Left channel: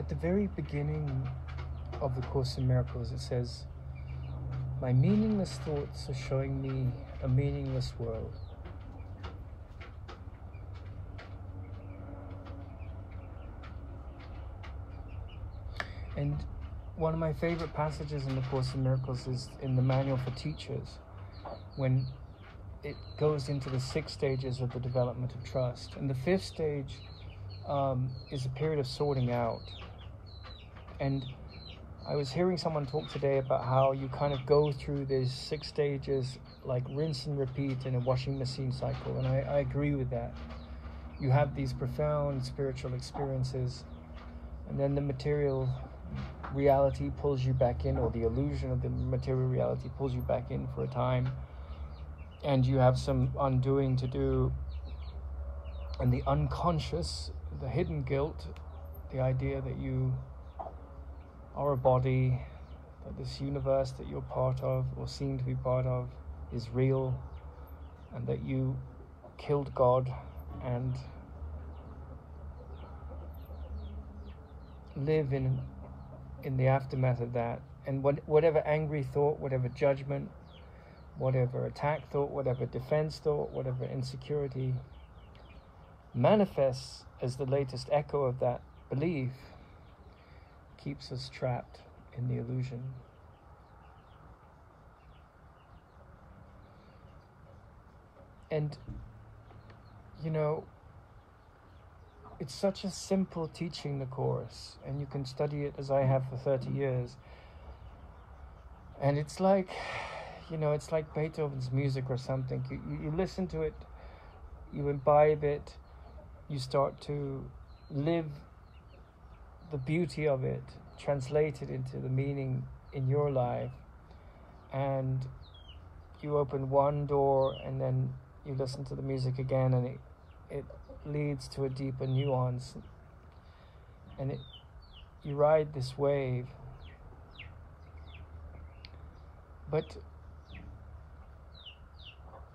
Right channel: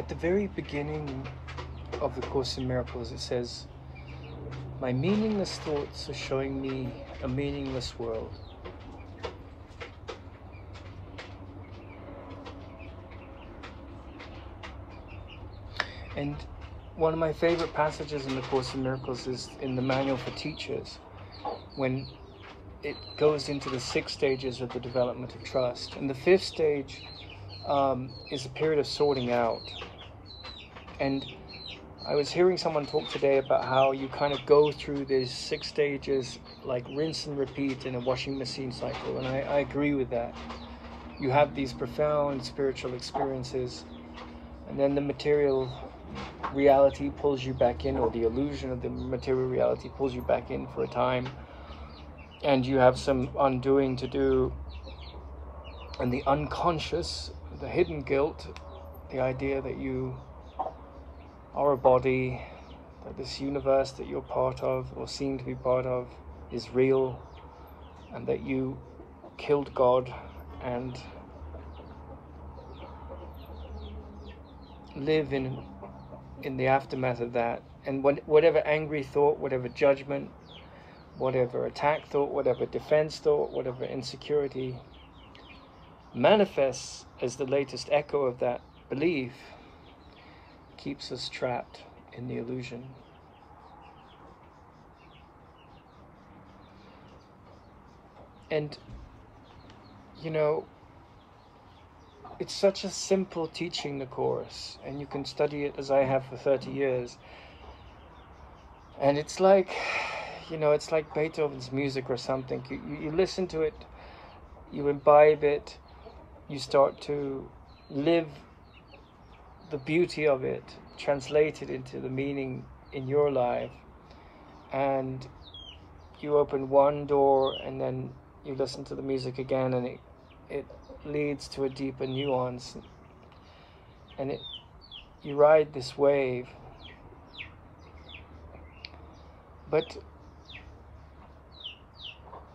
At the very beginning of the Course in Miracles, it says, "My meaningless thoughts are showing me a meaningless world." And one of my favorite passages in the Course in Miracles is in the Manual for Teachers, when it goes into the 6 stages of the development of trust. And the 5th stage is a period of sorting out. And I was hearing someone talk today about how you kind of go through these 6 stages like rinse and repeat in a washing machine cycle, and I agree with that. You have these profound spiritual experiences, and then the material reality pulls you back in, or the illusion of the material reality pulls you back in for a time, and you have some undoing to do. And the unconscious, the hidden guilt, the idea that you are a body, that this universe that you're part of or seem to be part of is real, and that you killed God and live in the aftermath of that. And whatever angry thought, whatever judgment, whatever attack thought, whatever defense thought, whatever insecurity manifests as the latest echo of that belief keeps us trapped in the illusion. And, you know, it's such a simple teaching, the Course, and you can study it as I have for 30 years. And it's like, you know, it's like Beethoven's music or something. You listen to it, you imbibe it, you start to live the beauty of it, translate it into the meaning in your life, and you open one door and then you listen to the music again, and it leads to a deeper nuance, and you ride this wave. But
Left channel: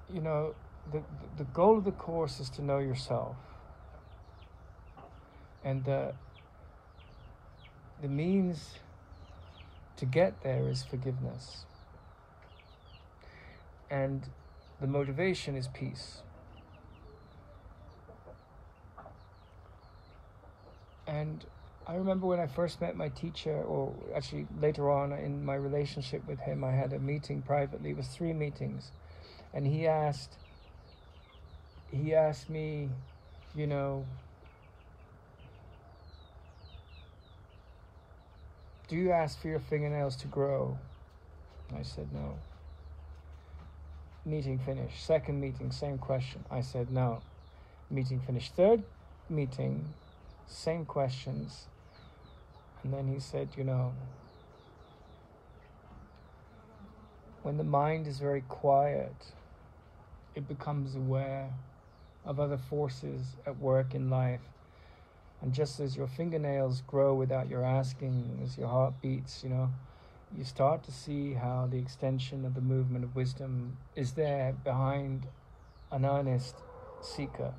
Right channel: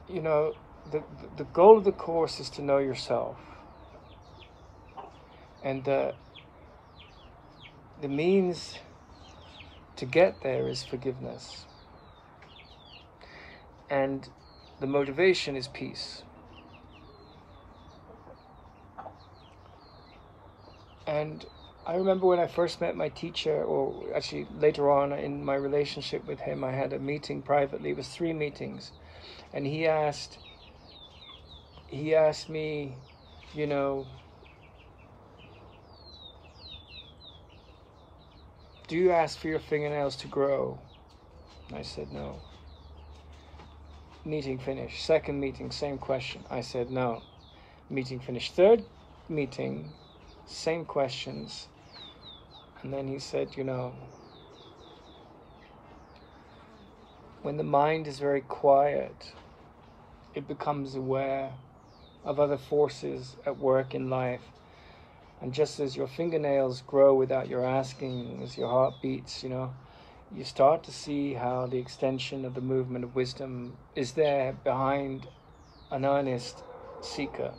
you know, the goal of the Course is to know yourself, and the means to get there is forgiveness, and the motivation is peace. And I remember when I first met my teacher, or actually later on in my relationship with him, I had a meeting privately. It was 3 meetings, and he asked me, you know, do you ask for your fingernails to grow? I said no. Meeting finished. Second meeting, same question. I said no. Meeting finished. Third meeting, same questions. And then he said, you know, when the mind is very quiet, it becomes aware of other forces at work in life. And just as your fingernails grow without your asking, as your heart beats, you know, you start to see how the extension of the movement of wisdom is there behind an earnest seeker.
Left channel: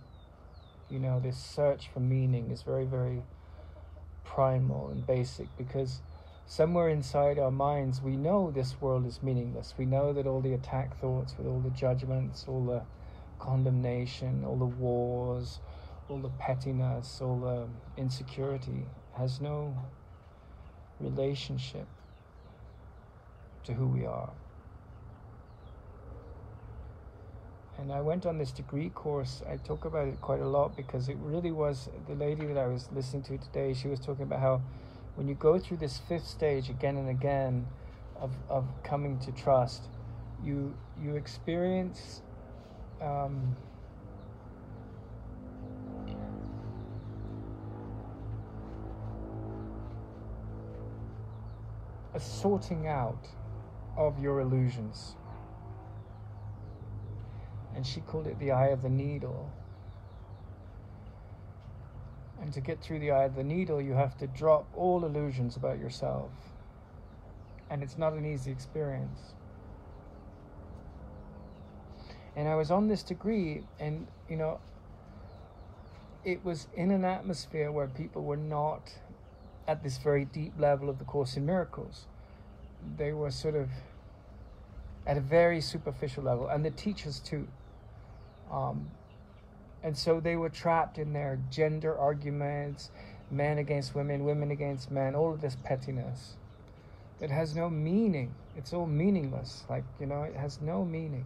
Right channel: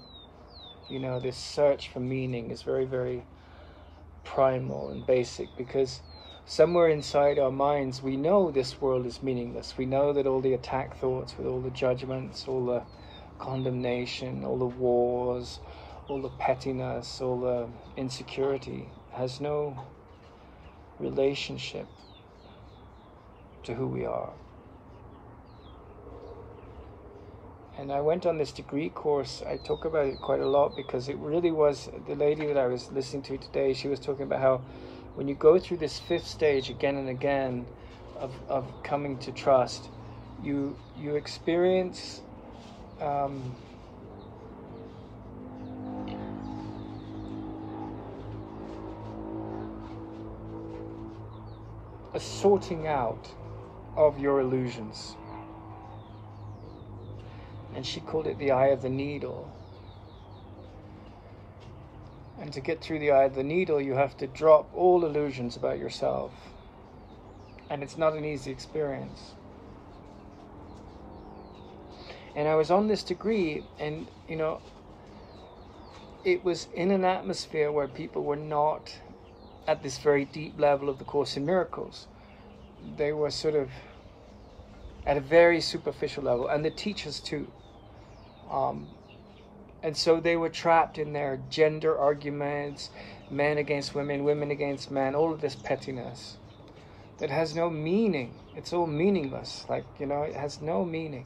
You know, this search for meaning is very, very primal and basic, because somewhere inside our minds we know this world is meaningless. We know that all the attack thoughts with all the judgments, all the condemnation, all the wars, all the pettiness, all the insecurity has no relationship to who we are. And I went on this degree course. I talk about it quite a lot because it really was, the lady that I was listening to today, she was talking about how when you go through this 5th stage again and again of coming to trust, you experience a sorting out of your illusions. And she called it the eye of the needle. And to get through the eye of the needle, you have to drop all illusions about yourself. And it's not an easy experience. And I was on this degree, and, you know, it was in an atmosphere where people were not at this very deep level of the Course in Miracles. They were sort of at a very superficial level, and the teachers too. And so they were trapped in their gender arguments, men against women, women against men, all of this pettiness that has no meaning. It's all meaningless. Like, you know, it has no meaning.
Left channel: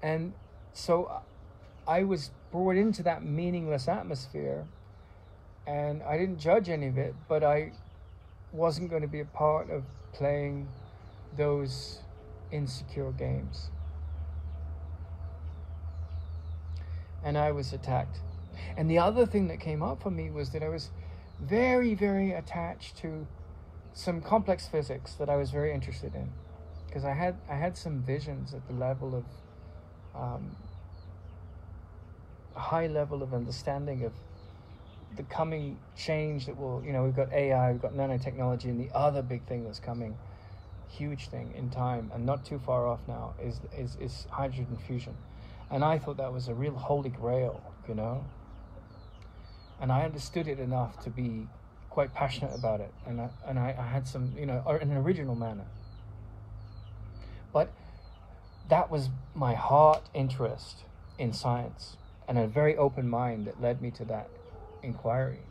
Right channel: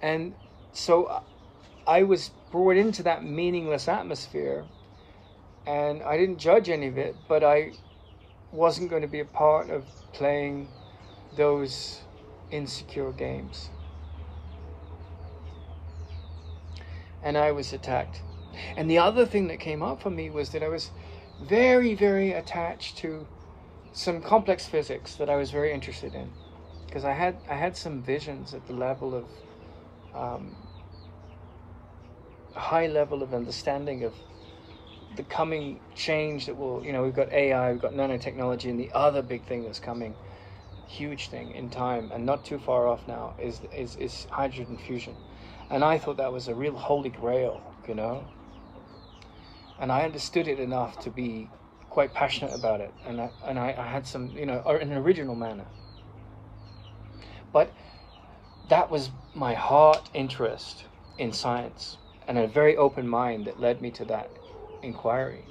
And so I was brought into that meaningless atmosphere, and I didn't judge any of it, but I wasn't going to be a part of playing those insecure games. And I was attacked. And the other thing that came up for me was that I was very, very attached to some complex physics that I was very interested in, because I had some visions at the level of a high level of understanding of the coming change that will, you know, we've got AI, we've got nanotechnology, and the other big thing that's coming, huge thing in time and not too far off now, is hydrogen fusion. And I thought that was a real holy grail, you know, and I understood it enough to be quite passionate about it, and I had some, you know, in an original manner. But that was my heart interest in science and a very open mind that led me to that inquiry.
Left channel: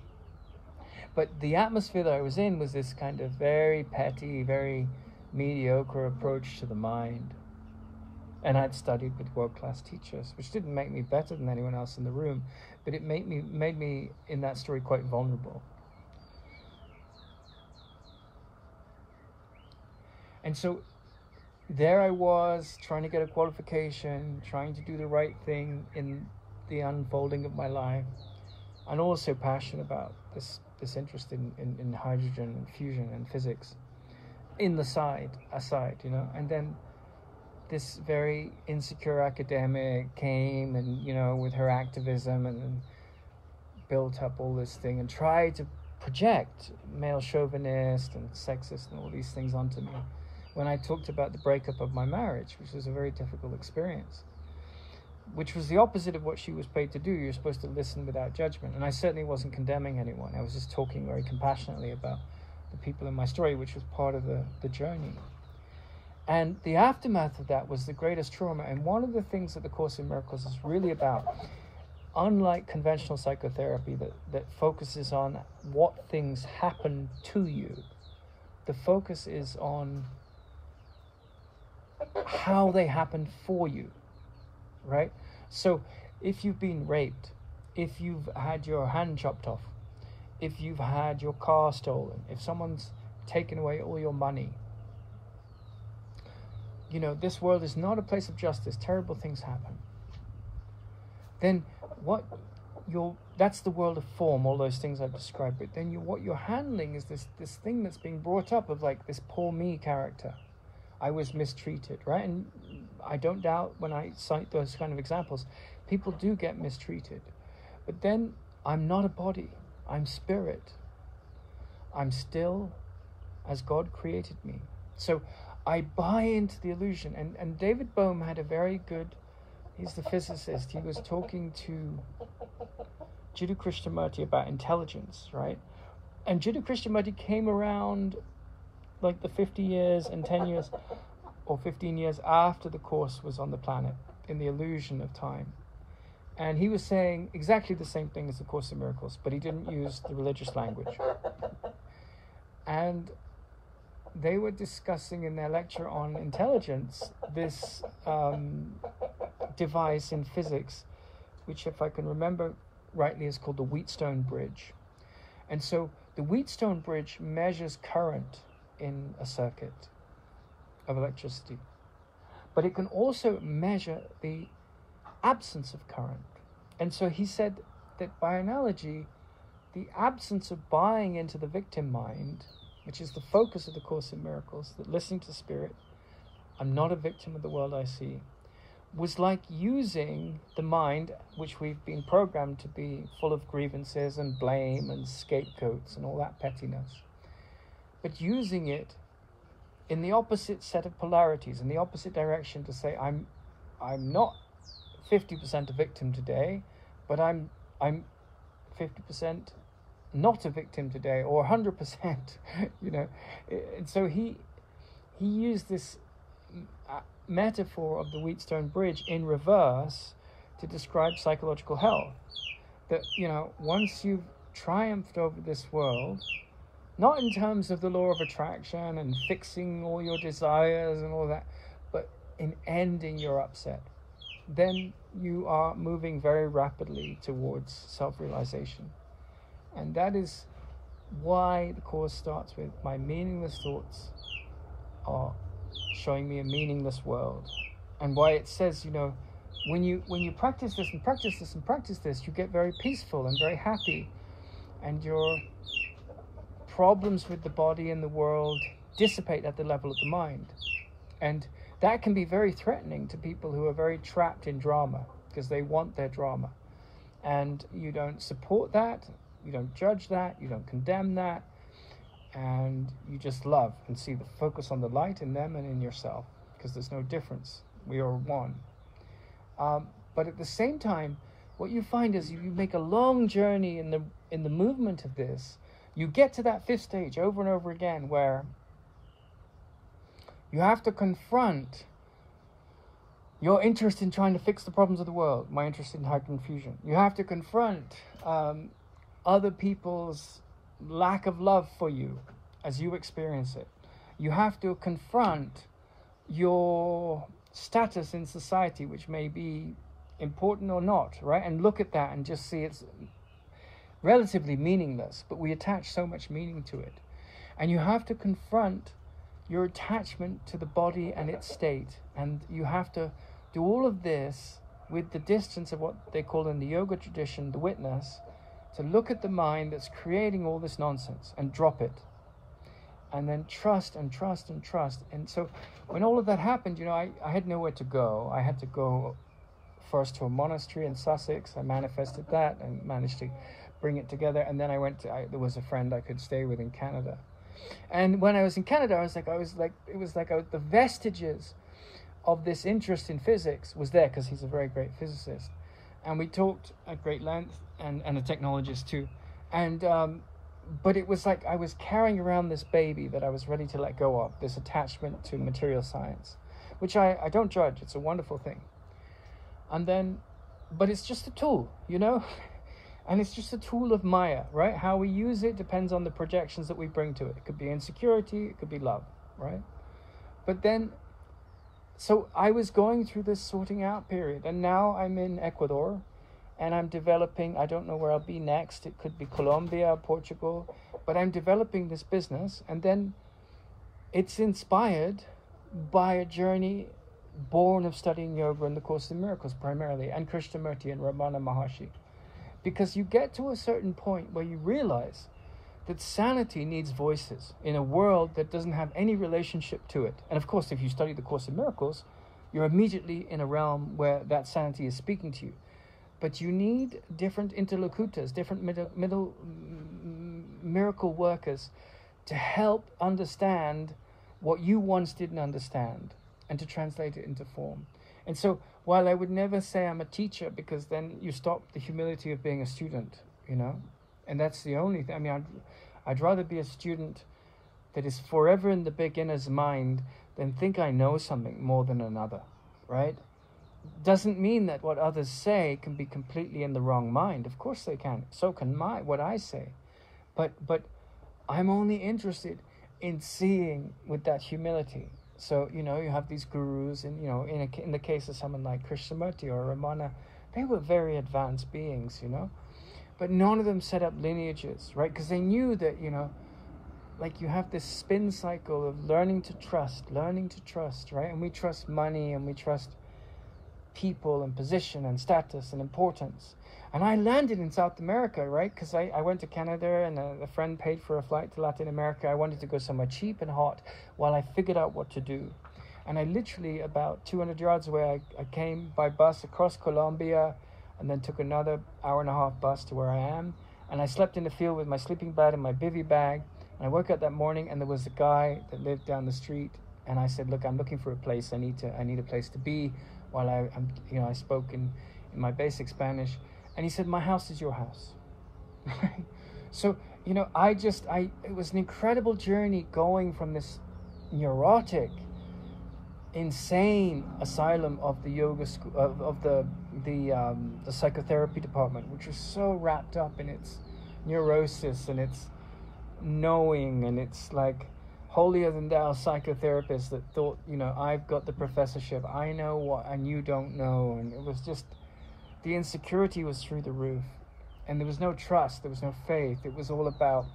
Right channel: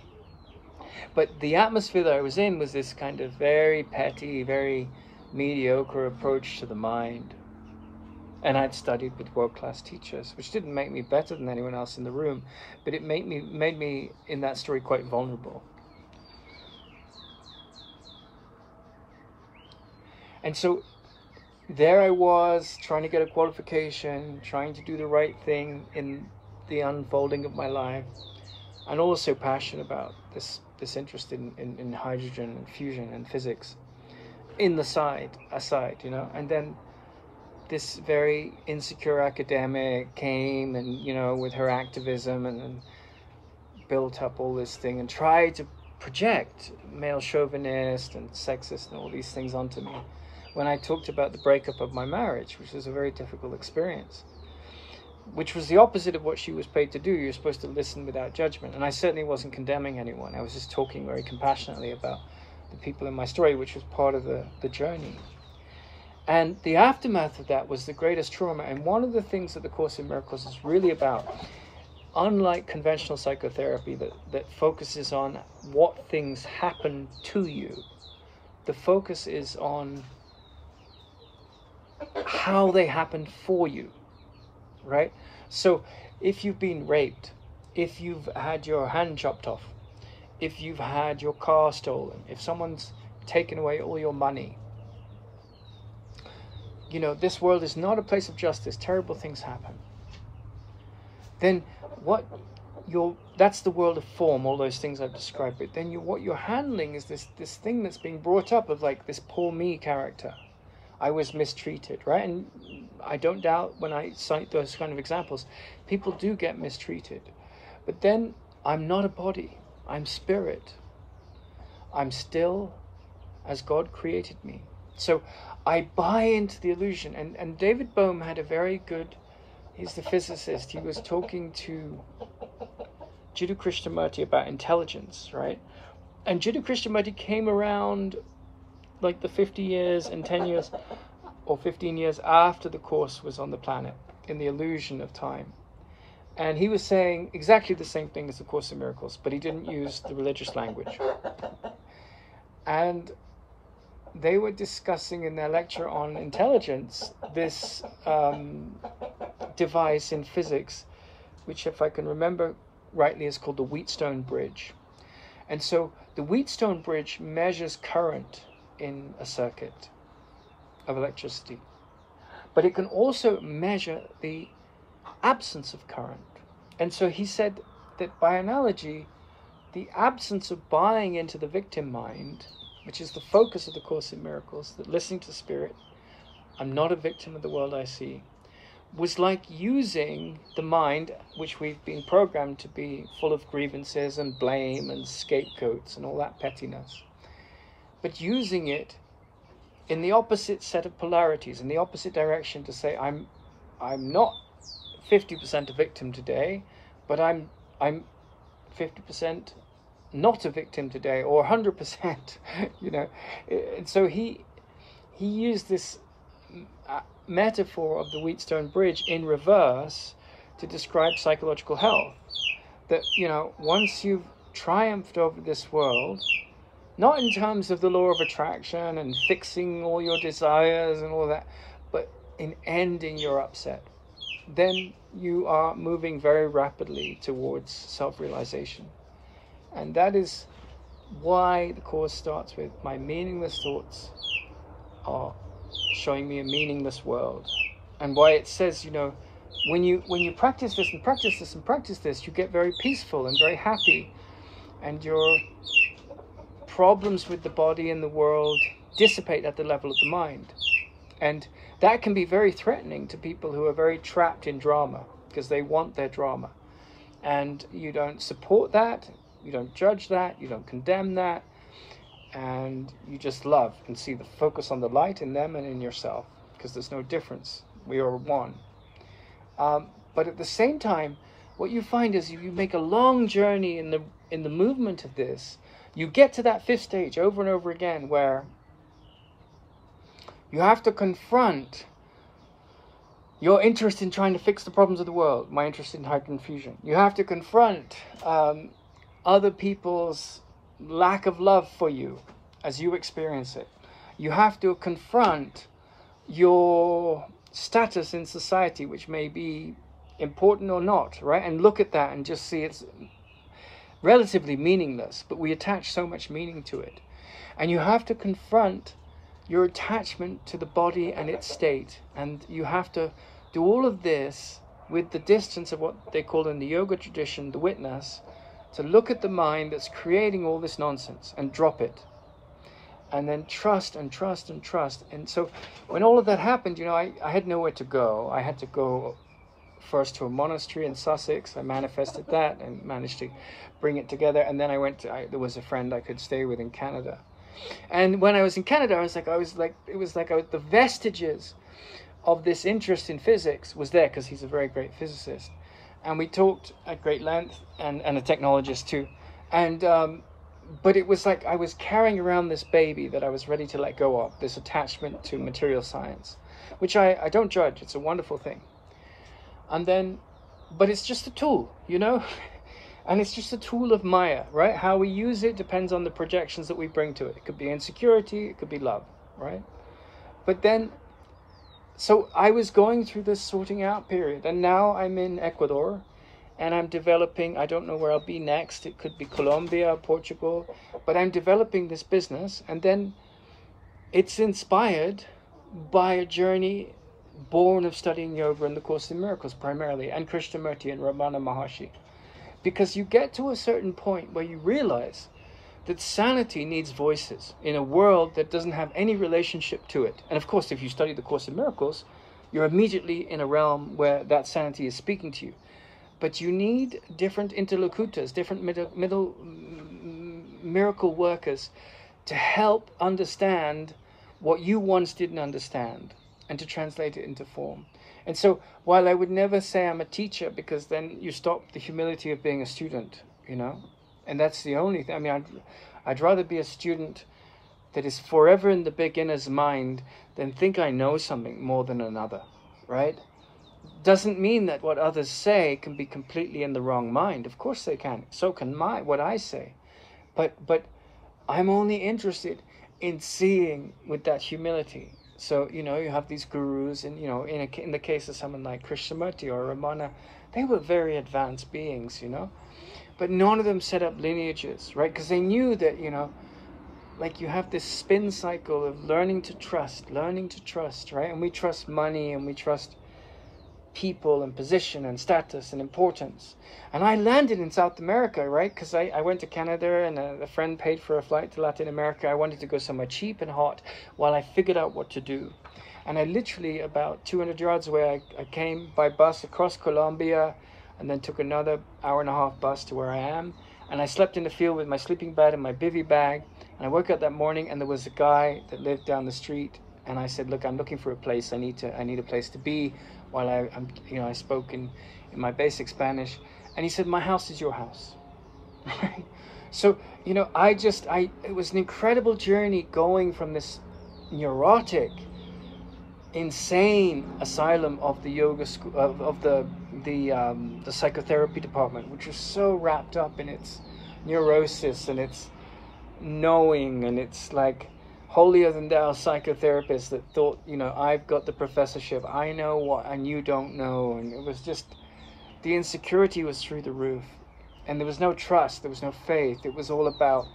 But the atmosphere that I was in was this kind of very petty, very mediocre approach to the mind. And I'd studied with world-class teachers, which didn't make me better than anyone else in the room, but it made me in that story quite vulnerable. And so there I was, trying to get a qualification, trying to do the right thing in the unfolding of my life, and also passionate about this interest in hydrogen and fusion and physics in the aside, you know. And then this very insecure academic came, and, you know, with her activism, and built up all this thing and tried to project male chauvinist and sexist and all these things onto me when I talked about the breakup of my marriage, which was a very difficult experience, which was the opposite of what she was paid to do. You're supposed to listen without judgment. And I certainly wasn't condemning anyone. I was just talking very compassionately about the people in my story, which was part of the journey. And the aftermath of that was the greatest trauma. And one of the things that the Course in Miracles is really about, unlike conventional psychotherapy that focuses on what things happen to you, the focus is on how they happen for you, right? So if you've been raped, if you've had your hand chopped off, if you've had your car stolen, if someone's taken away all your money, you know, this world is not a place of justice. Terrible things happen. Then that's the world of form, all those things I've described. But then what you're handling is this thing that's being brought up of, like, this poor me character. I was mistreated, right? And I don't doubt when I cite those kind of examples, people do get mistreated. But then I'm not a body. I'm spirit. I'm still as God created me. So I buy into the illusion. And David Bohm had a very good, he's the physicist, he was talking to Jiddu Krishnamurti about intelligence, right? And Jiddu Krishnamurti came around like the 50 years and 10 years or 15 years after the Course was on the planet, in the illusion of time. And he was saying exactly the same thing as the Course in Miracles, but he didn't use the religious language. And they were discussing in their lecture on intelligence this device in physics, which, if I can remember rightly, is called the Wheatstone Bridge. And so the Wheatstone Bridge measures current in a circuit of electricity, but it can also measure the absence of current. And so he said that, by analogy, the absence of buying into the victim mind, which is the focus of the Course in Miracles, that listening to Spirit, I'm not a victim of the world I see, was like using the mind, which we've been programmed to be full of grievances and blame and scapegoats and all that pettiness, but using it in the opposite set of polarities, in the opposite direction, to say, I'm not 50% a victim today, but I'm 50% not a victim today, or 100%, you know. And so he used this metaphor of the Wheatstone Bridge in reverse to describe psychological health. That, you know, once you've triumphed over this world, not in terms of the law of attraction and fixing all your desires and all that, but in ending your upset, then you are moving very rapidly towards self-realization. And that is why the Course starts with, my meaningless thoughts are showing me a meaningless world. And why it says, you know, when you practice this and practice this and practice this, you get very peaceful and very happy, and your problems with the body and the world dissipate at the level of the mind. And that can be very threatening to people who are very trapped in drama, because they want their drama. And you don't support that, you don't judge that, you don't condemn that, and you just love and see the focus on the light in them and in yourself, because there's no difference. We are one. But at the same time, what you find is, if you make a long journey in the movement of this, you get to that fifth stage over and over again, where you have to confront your interest in trying to fix the problems of the world, my interest in hydrogen fusion. You have to confront other people's lack of love for you as you experience it. You have to confront your status in society, which may be important or not, right? And look at that and just see it's relatively meaningless, but we attach so much meaning to it. And you have to confront your attachment to the body and its state. And you have to do all of this with the distance of what they call in the yoga tradition the witness, to look at the mind that's creating all this nonsense and drop it. And then trust and trust and trust. And so when all of that happened, you know, I had nowhere to go. I had to go first to a monastery in Sussex. I manifested that and managed to bring it together. And then I went to, there was a friend I could stay with in Canada. And when I was in Canada, it was like the vestiges of this interest in physics was there, because he's a very great physicist. And we talked at great length, and a technologist too. And but it was like I was carrying around this baby that I was ready to let go of, this attachment to material science, which I don't judge. It's a wonderful thing. And then, but it's just a tool, you know? And it's just a tool of Maya, right? How we use it depends on the projections that we bring to it. It could be insecurity, it could be love, right? But then, so I was going through this sorting out period, and now I'm in Ecuador, and I'm developing, I don't know where I'll be next. It could be Colombia, Portugal, but I'm developing this business. And then it's inspired by a journey born of studying yoga and the Course in Miracles primarily, and Krishnamurti and Ramana Maharshi. Because you get to a certain point where you realize that sanity needs voices in a world that doesn't have any relationship to it. And of course, if you study the Course in Miracles, you're immediately in a realm where that sanity is speaking to you. But you need different interlocutors, different middle miracle workers to help understand what you once didn't understand, and to translate it into form. And so, while I would never say I'm a teacher, because then you stop the humility of being a student, you know, and that's the only thing. I mean, I'd rather be a student that is forever in the beginner's mind than think I know something more than another, right? Doesn't mean that what others say can be completely in the wrong mind. Of course they can. So can what I say. But I'm only interested in seeing with that humility. So, you know, you have these gurus, and, you know, in the case of someone like Krishnamurti or Ramana, they were very advanced beings, you know. But none of them set up lineages, right? Because they knew that, you know, like you have this spin cycle of learning to trust, right? And we trust money, and we trust people and position and status and importance. And I landed in South America, right? Because I went to Canada, and a friend paid for a flight to Latin America. I wanted to go somewhere cheap and hot while I figured out what to do. And I literally, about 200 yards away, I came by bus across Colombia, and then took another hour-and-a-half bus to where I am. And I slept in the field with my sleeping bag and my bivy bag. And I woke up that morning, and there was a guy that lived down the street. And I said, look, I'm looking for a place. I need a place to be while I'm, you know, I spoke in my basic Spanish. And he said, my house is your house. Right? So, you know, it was an incredible journey going from this neurotic, insane asylum of the yoga school, of the psychotherapy department, which was so wrapped up in its neurosis and its knowing, and it's like holier than thou psychotherapists that thought, you know, I've got the professorship, I know what and you don't know. And it was just, the insecurity was through the roof, and there was no trust, there was no faith. It was all about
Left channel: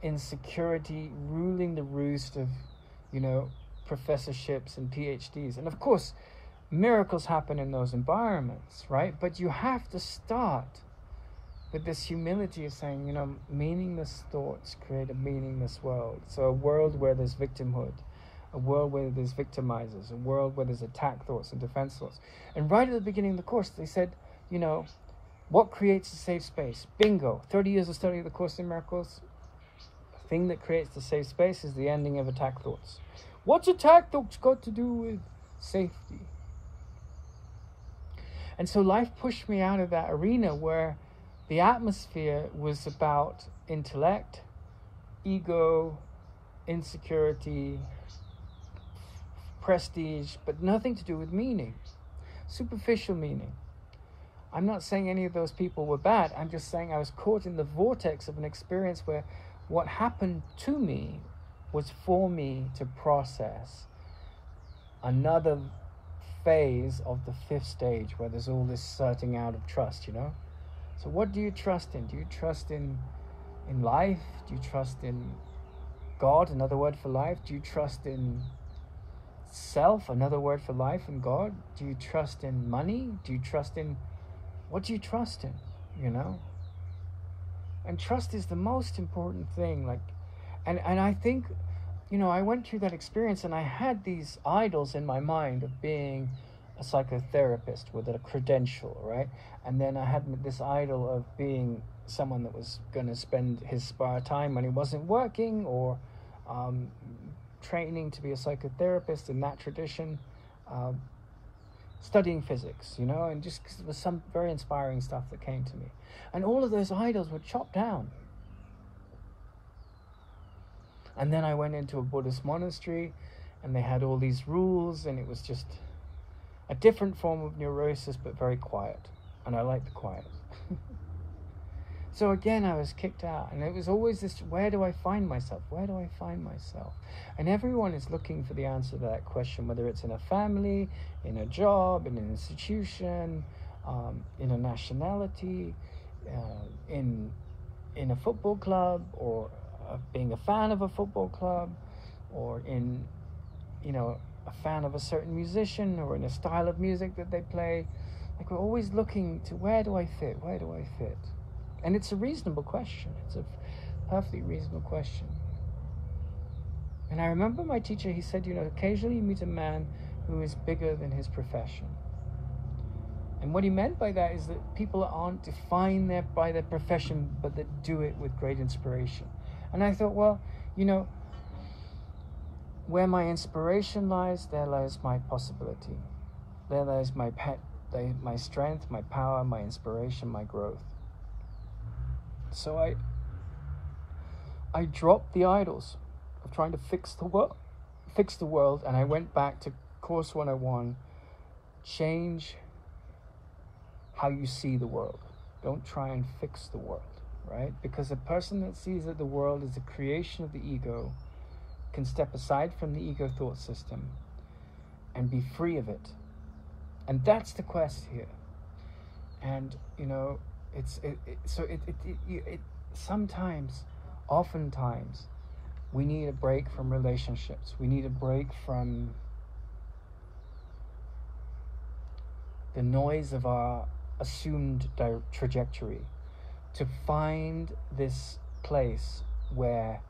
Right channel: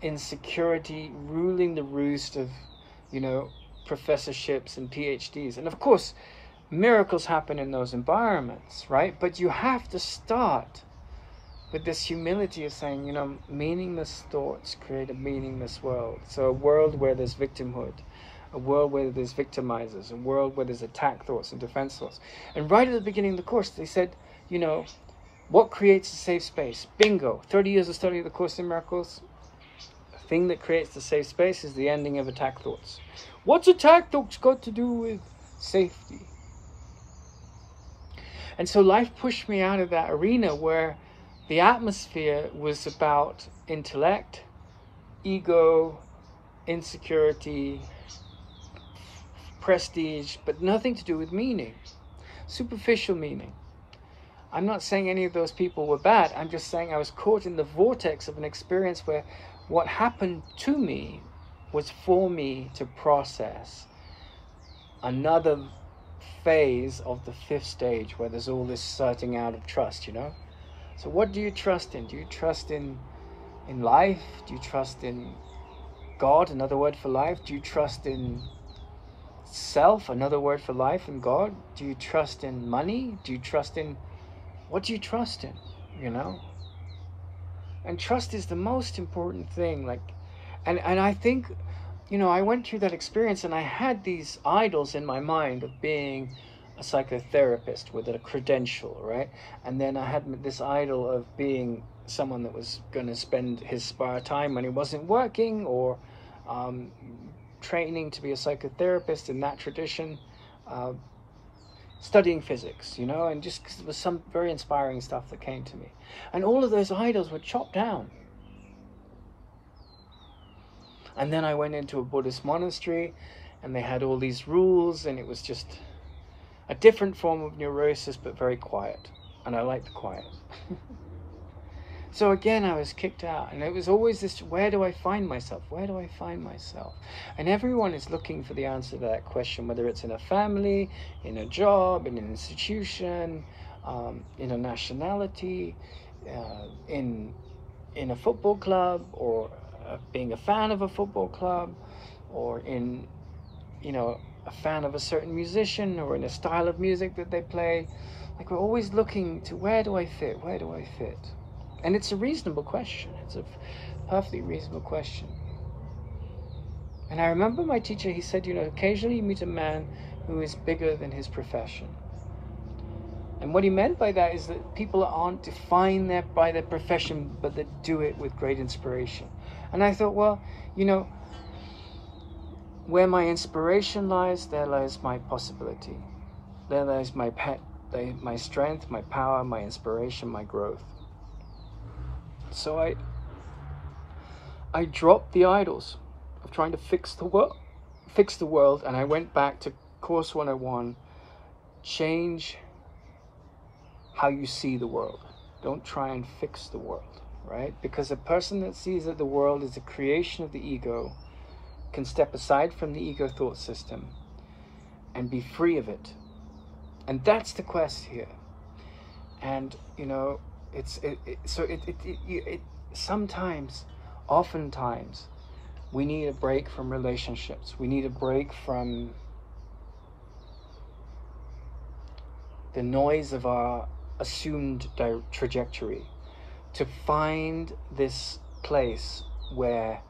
insecurity ruling the roost of, you know, professorships and PhDs. And of course miracles happen in those environments, right? But you have to start with this humility of saying, you know, meaningless thoughts create a meaningless world. So a world where there's victimhood, a world where there's victimizers, a world where there's attack thoughts and defense thoughts. And right at the beginning of the course, they said, you know, what creates a safe space? Bingo. 30 years of study of the Course in Miracles. The thing that creates the safe space is the ending of attack thoughts. What's attack thoughts got to do with safety? And so life pushed me out of that arena where the atmosphere was about intellect, ego, insecurity, prestige, but nothing to do with meaning, superficial meaning. I'm not saying any of those people were bad. I'm just saying I was caught in the vortex of an experience where what happened to me was for me to process another phase of the fifth stage where there's all this sorting out of trust, you know? So what do you trust in? Do you trust in life? Do you trust in God, another word for life? Do you trust in self, another word for life and God? Do you trust in money? Do you trust in... What do you trust in, you know? And trust is the most important thing. Like, and I think, you know, I went through that experience and I had these idols in my mind of being a psychotherapist with a credential, right? And then I had this idol of being someone that was going to spend his spare time when he wasn't working, or training to be a psychotherapist in that tradition, studying physics, you know, and just 'cause it was some very inspiring stuff that came to me. And all of those idols were chopped down. And then I went into a Buddhist monastery and they had all these rules, and it was just a different form of neurosis, but very quiet. And I like the quiet. So again, I was kicked out, and it was always this, where do I find myself? Where do I find myself? And everyone is looking for the answer to that question, whether it's in a family, in a job, in an institution, in a nationality, in a football club, or being a fan of a football club, or in, you know, a fan of a certain musician, or in a style of music that they play. Like, we're always looking to, where do I fit? Where do I fit? And it's a reasonable question. It's a perfectly reasonable question. And I remember my teacher, he said, you know, occasionally you meet a man who is bigger than his profession. And what he meant by that is that people aren't defined by their profession, but that do it with great inspiration. And I thought, well, you know, where my inspiration lies, there lies my possibility. There lies my strength, my power, my inspiration, my growth. So I dropped the idols of trying to fix the world, and I went back to Course 101. Change how you see the world. Don't try and fix the world, right? Because a person that sees that the world is a creation of the ego can step aside from the ego thought system and be free of it. And that's the quest here. And, you know, oftentimes, we need a break from relationships. We need a break from the noise of our assumed trajectory to find this place where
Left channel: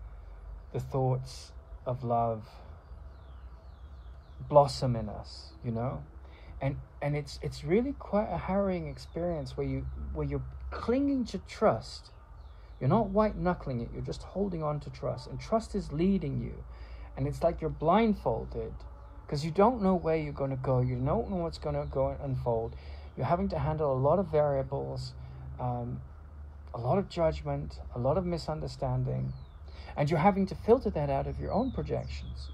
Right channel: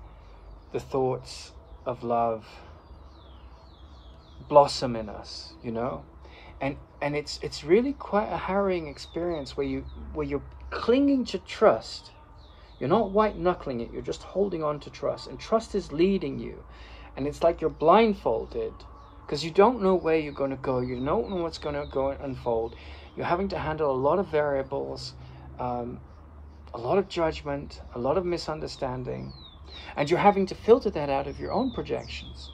the thoughts of love blossom in us, you know? And it's really quite a harrowing experience where you're clinging to trust. You're not white knuckling it, you're just holding on to trust, and trust is leading you. And it's like you're blindfolded because you don't know where you're going to go, you don't know what's going to go and unfold. You're having to handle a lot of variables, a a lot of judgment, a lot of misunderstanding, and you're having to filter that out of your own projections.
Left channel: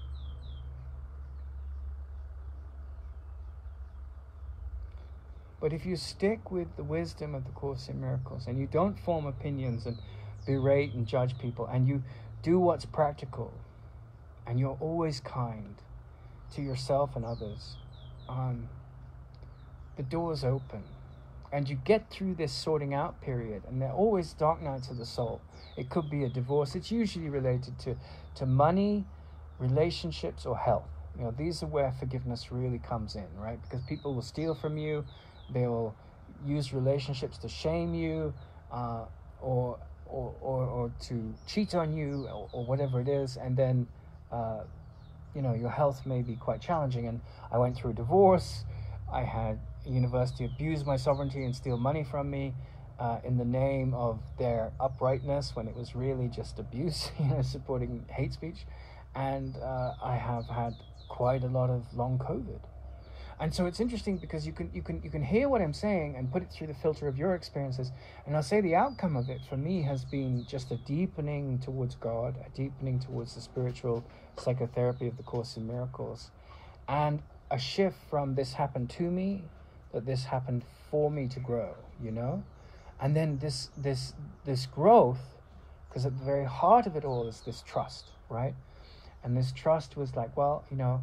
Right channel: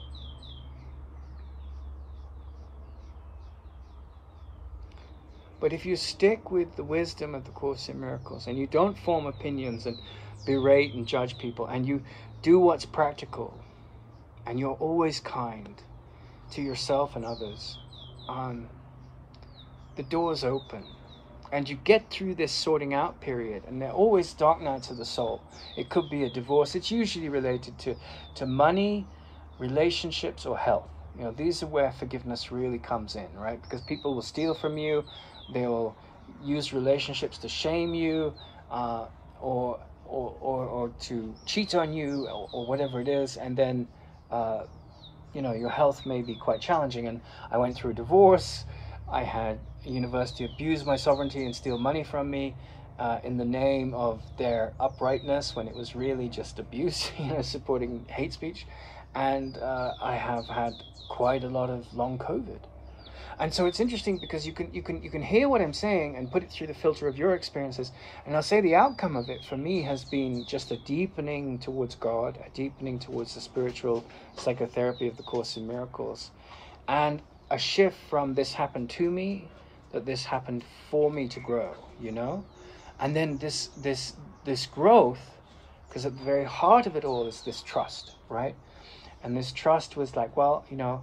But if you stick with the wisdom of the Course in Miracles, and you don't form opinions and berate and judge people, and you do what's practical, and you're always kind to yourself and others, the door's open. And you get through this sorting out period, and there are always dark nights of the soul. It could be a divorce. It's usually related to money, relationships, or health. You know, these are where forgiveness really comes in, right? Because people will steal from you, they will use relationships to shame you, or to cheat on you, or whatever it is, and then you know, your health may be quite challenging. And I went through a divorce. I had a university abuse my sovereignty and steal money from me in the name of their uprightness, when it was really just abuse, you know, supporting hate speech. And I have had quite a lot of long COVID. And so it's interesting, because you can hear what I'm saying and put it through the filter of your experiences. And I'll say the outcome of it for me has been just a deepening towards God, a deepening towards the spiritual psychotherapy of the Course in Miracles, and a shift from this happened to me, that this happened for me to grow, you know? And then this growth, because at the very heart of it all is this trust, right? And this trust was like, well, you know,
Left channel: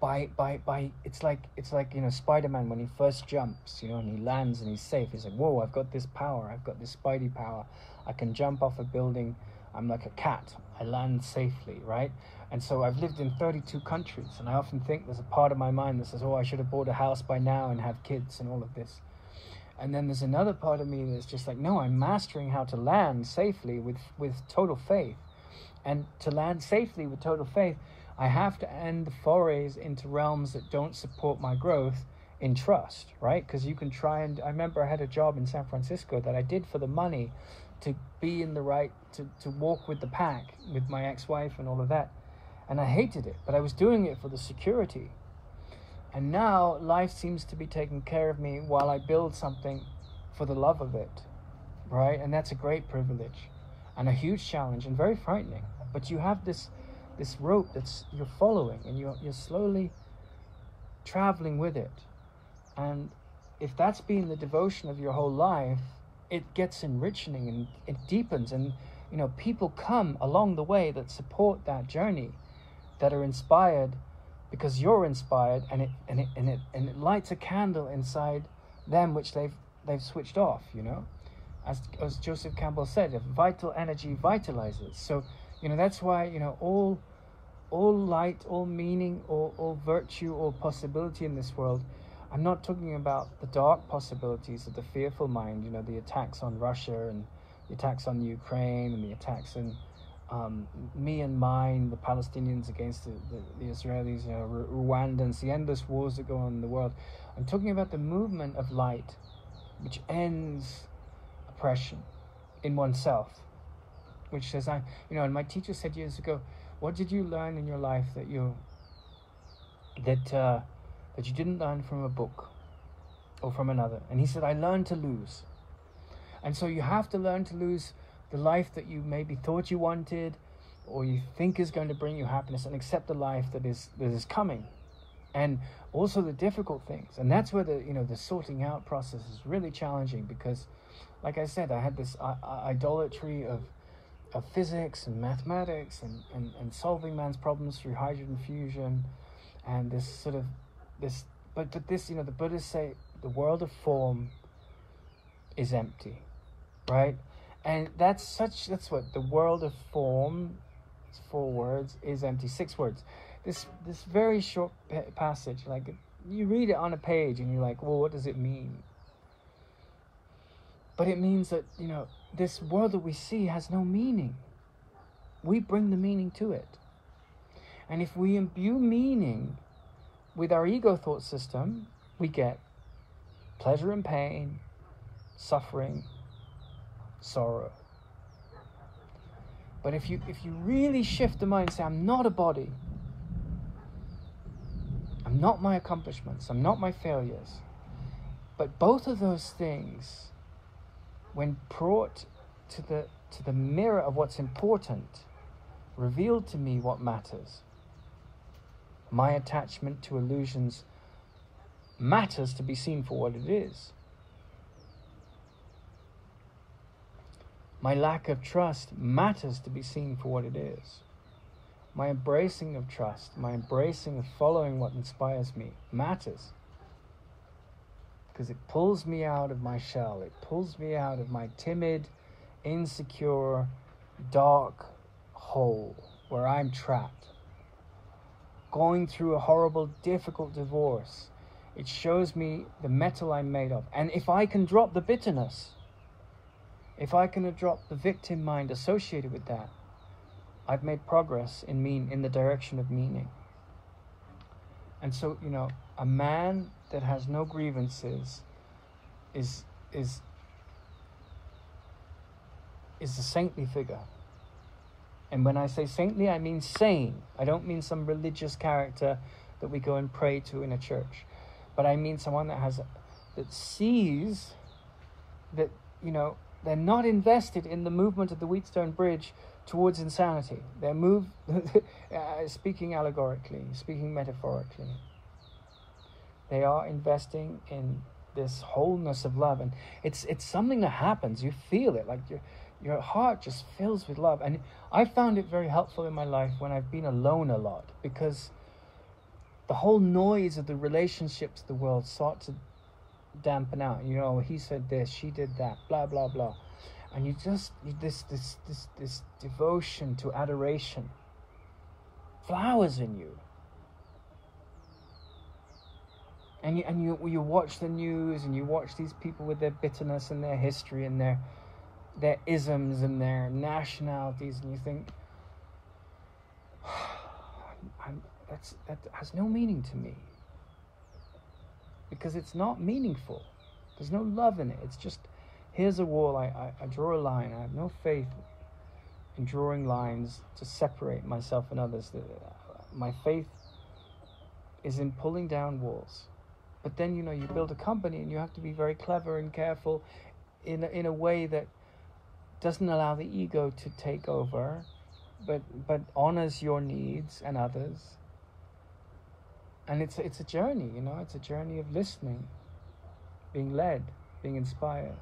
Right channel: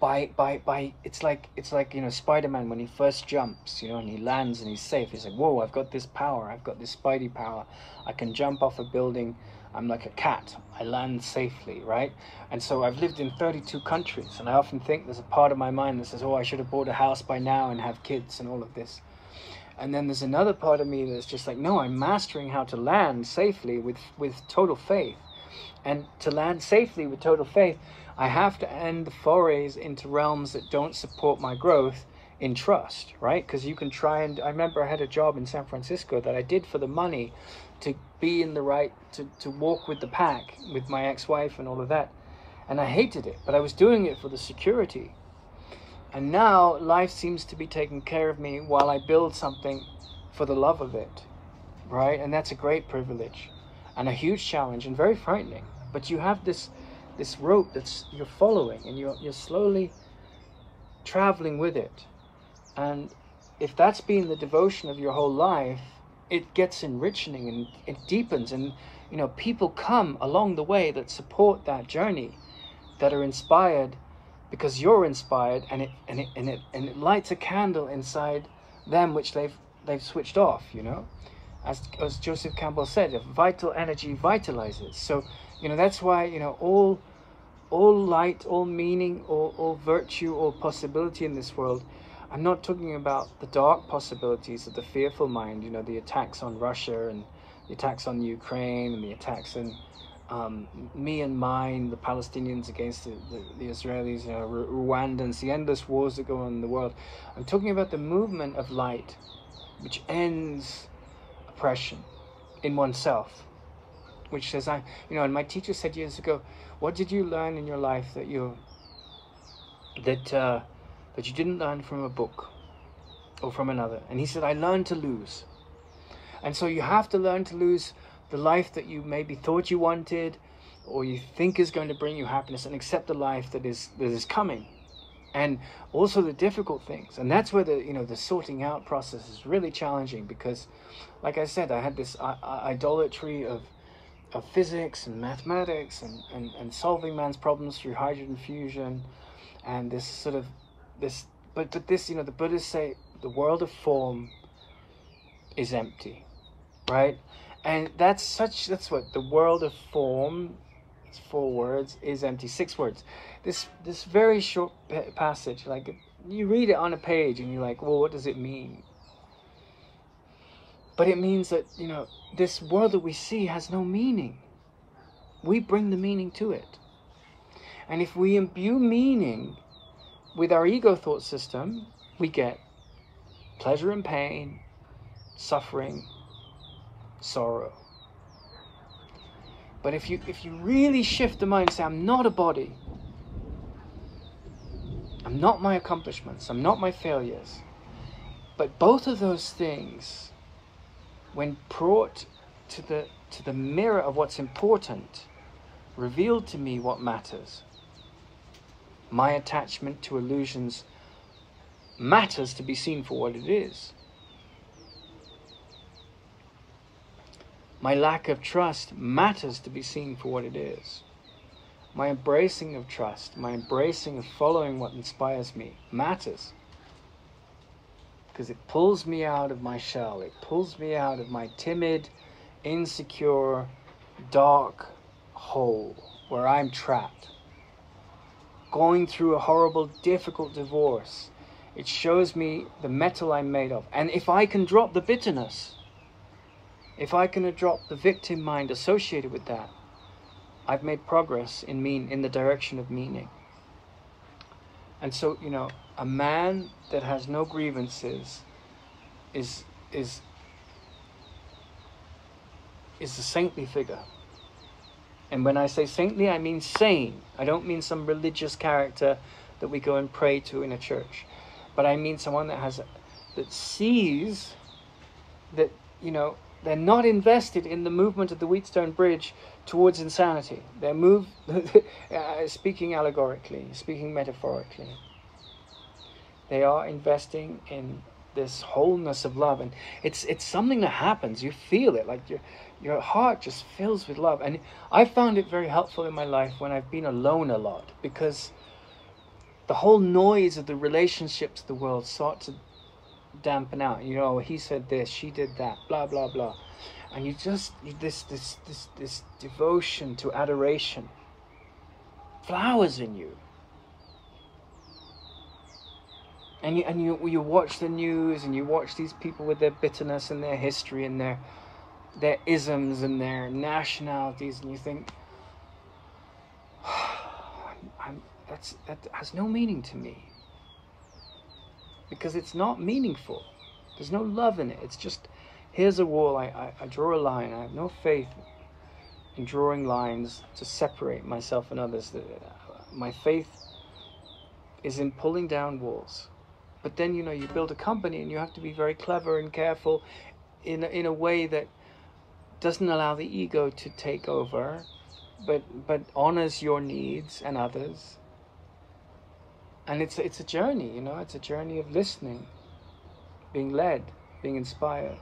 by it's like, you know, Spider-Man when he first jumps, you know, and he lands and he's safe. He's like, whoa, I've got this power. I've got this Spidey power. I can jump off a building. I'm like a cat. I land safely, right? And so I've lived in 32 countries, and I often think there's a part of my mind that says, oh, I should have bought a house by now and have kids and all of this. And then there's another part of me that's just like, no, I'm mastering how to land safely with total faith. And to land safely with total faith, I have to end the forays into realms that don't support my growth in trust, right? Because you can try and... I remember I had a job in San Francisco that I did for the money, to be in the right, to walk with the pack with my ex-wife and all of that. And I hated it, but I was doing it for the security. And now life seems to be taking care of me while I build something for the love of it, right? And that's a great privilege and a huge challenge and very frightening. But you have this rope that's you're following, and you're slowly traveling with it. And if that's been the devotion of your whole life, it gets enriching and it deepens. And you know, people come along the way that support that journey, that are inspired because you're inspired, and it lights a candle inside them which they've switched off, you know. As Joseph Campbell said, if vital energy vitalizes. So, you know, that's why, you know, all light, all meaning, all virtue, all possibility in this world. I'm not talking about the dark possibilities of the fearful mind, you know, the attacks on Russia and the attacks on Ukraine and the attacks in me and mine, the Palestinians against the Israelis, you know, Rwandans, the endless wars that go on in the world. I'm talking about the movement of light, which ends oppression in oneself, which says, you know, and my teacher said years ago, what did you learn in your life that you didn't learn from a book or from another? And he said, I learned to lose. And so you have to learn to lose the life that you maybe thought you wanted, or you think is going to bring you happiness, and accept the life that is coming, and also the difficult things. And that's where the sorting out process is really challenging, because, like I said, I had this idolatry of physics and mathematics and solving man's problems through hydrogen fusion, and but this, you know, the Buddhists say the world of form is empty, right? And that's what the world of form, it's 4 words, is empty. 6 words. This very short passage, like, you read it on a page and you're like, well, what does it mean? But it means that, you know, this world that we see has no meaning. We bring the meaning to it. And if we imbue meaning with our ego thought system, we get pleasure and pain, suffering, sorrow. But if you really shift the mind and say, I'm not a body, I'm not my accomplishments, I'm not my failures, but both of those things when brought to the mirror of what's important, revealed to me what matters. My attachment to illusions matters to be seen for what it is. My lack of trust matters to be seen for what it is. My embracing of trust, my embracing of following what inspires me matters. Because it pulls me out of my shell. It pulls me out of my timid, insecure, dark hole where I'm trapped. Going through a horrible, difficult divorce, it shows me the metal I'm made of. And if I can drop the bitterness, if I can drop the victim mind associated with that, I've made progress in the direction of meaning. And so, a man that has no grievances is a saintly figure. And when I say saintly, I mean sane. I don't mean some religious character that we go and pray to in a church. But I mean someone that sees that, they're not invested in the movement of the Wheatstone Bridge towards insanity. They're speaking allegorically, speaking metaphorically. They are investing in this wholeness of love. And it's something that happens. You feel it, like your heart just fills with love. And I found it very helpful in my life when I've been alone a lot, because the whole noise of the relationships of the world sought to dampen out. He said this, she did that, blah blah blah, and this devotion to adoration flowers in you, and you watch the news, and you watch these people with their bitterness and their history and their isms and their nationalities, and you think, that has no meaning to me. Because it's not meaningful. There's no love in it. It's just, here's a wall, I draw a line. I have no faith in drawing lines to separate myself and others. My faith is in pulling down walls. But then, you build a company, and you have to be very clever and careful in a way that doesn't allow the ego to take over, but honors your needs and others. And it's a journey, it's a journey of listening, being led, being inspired.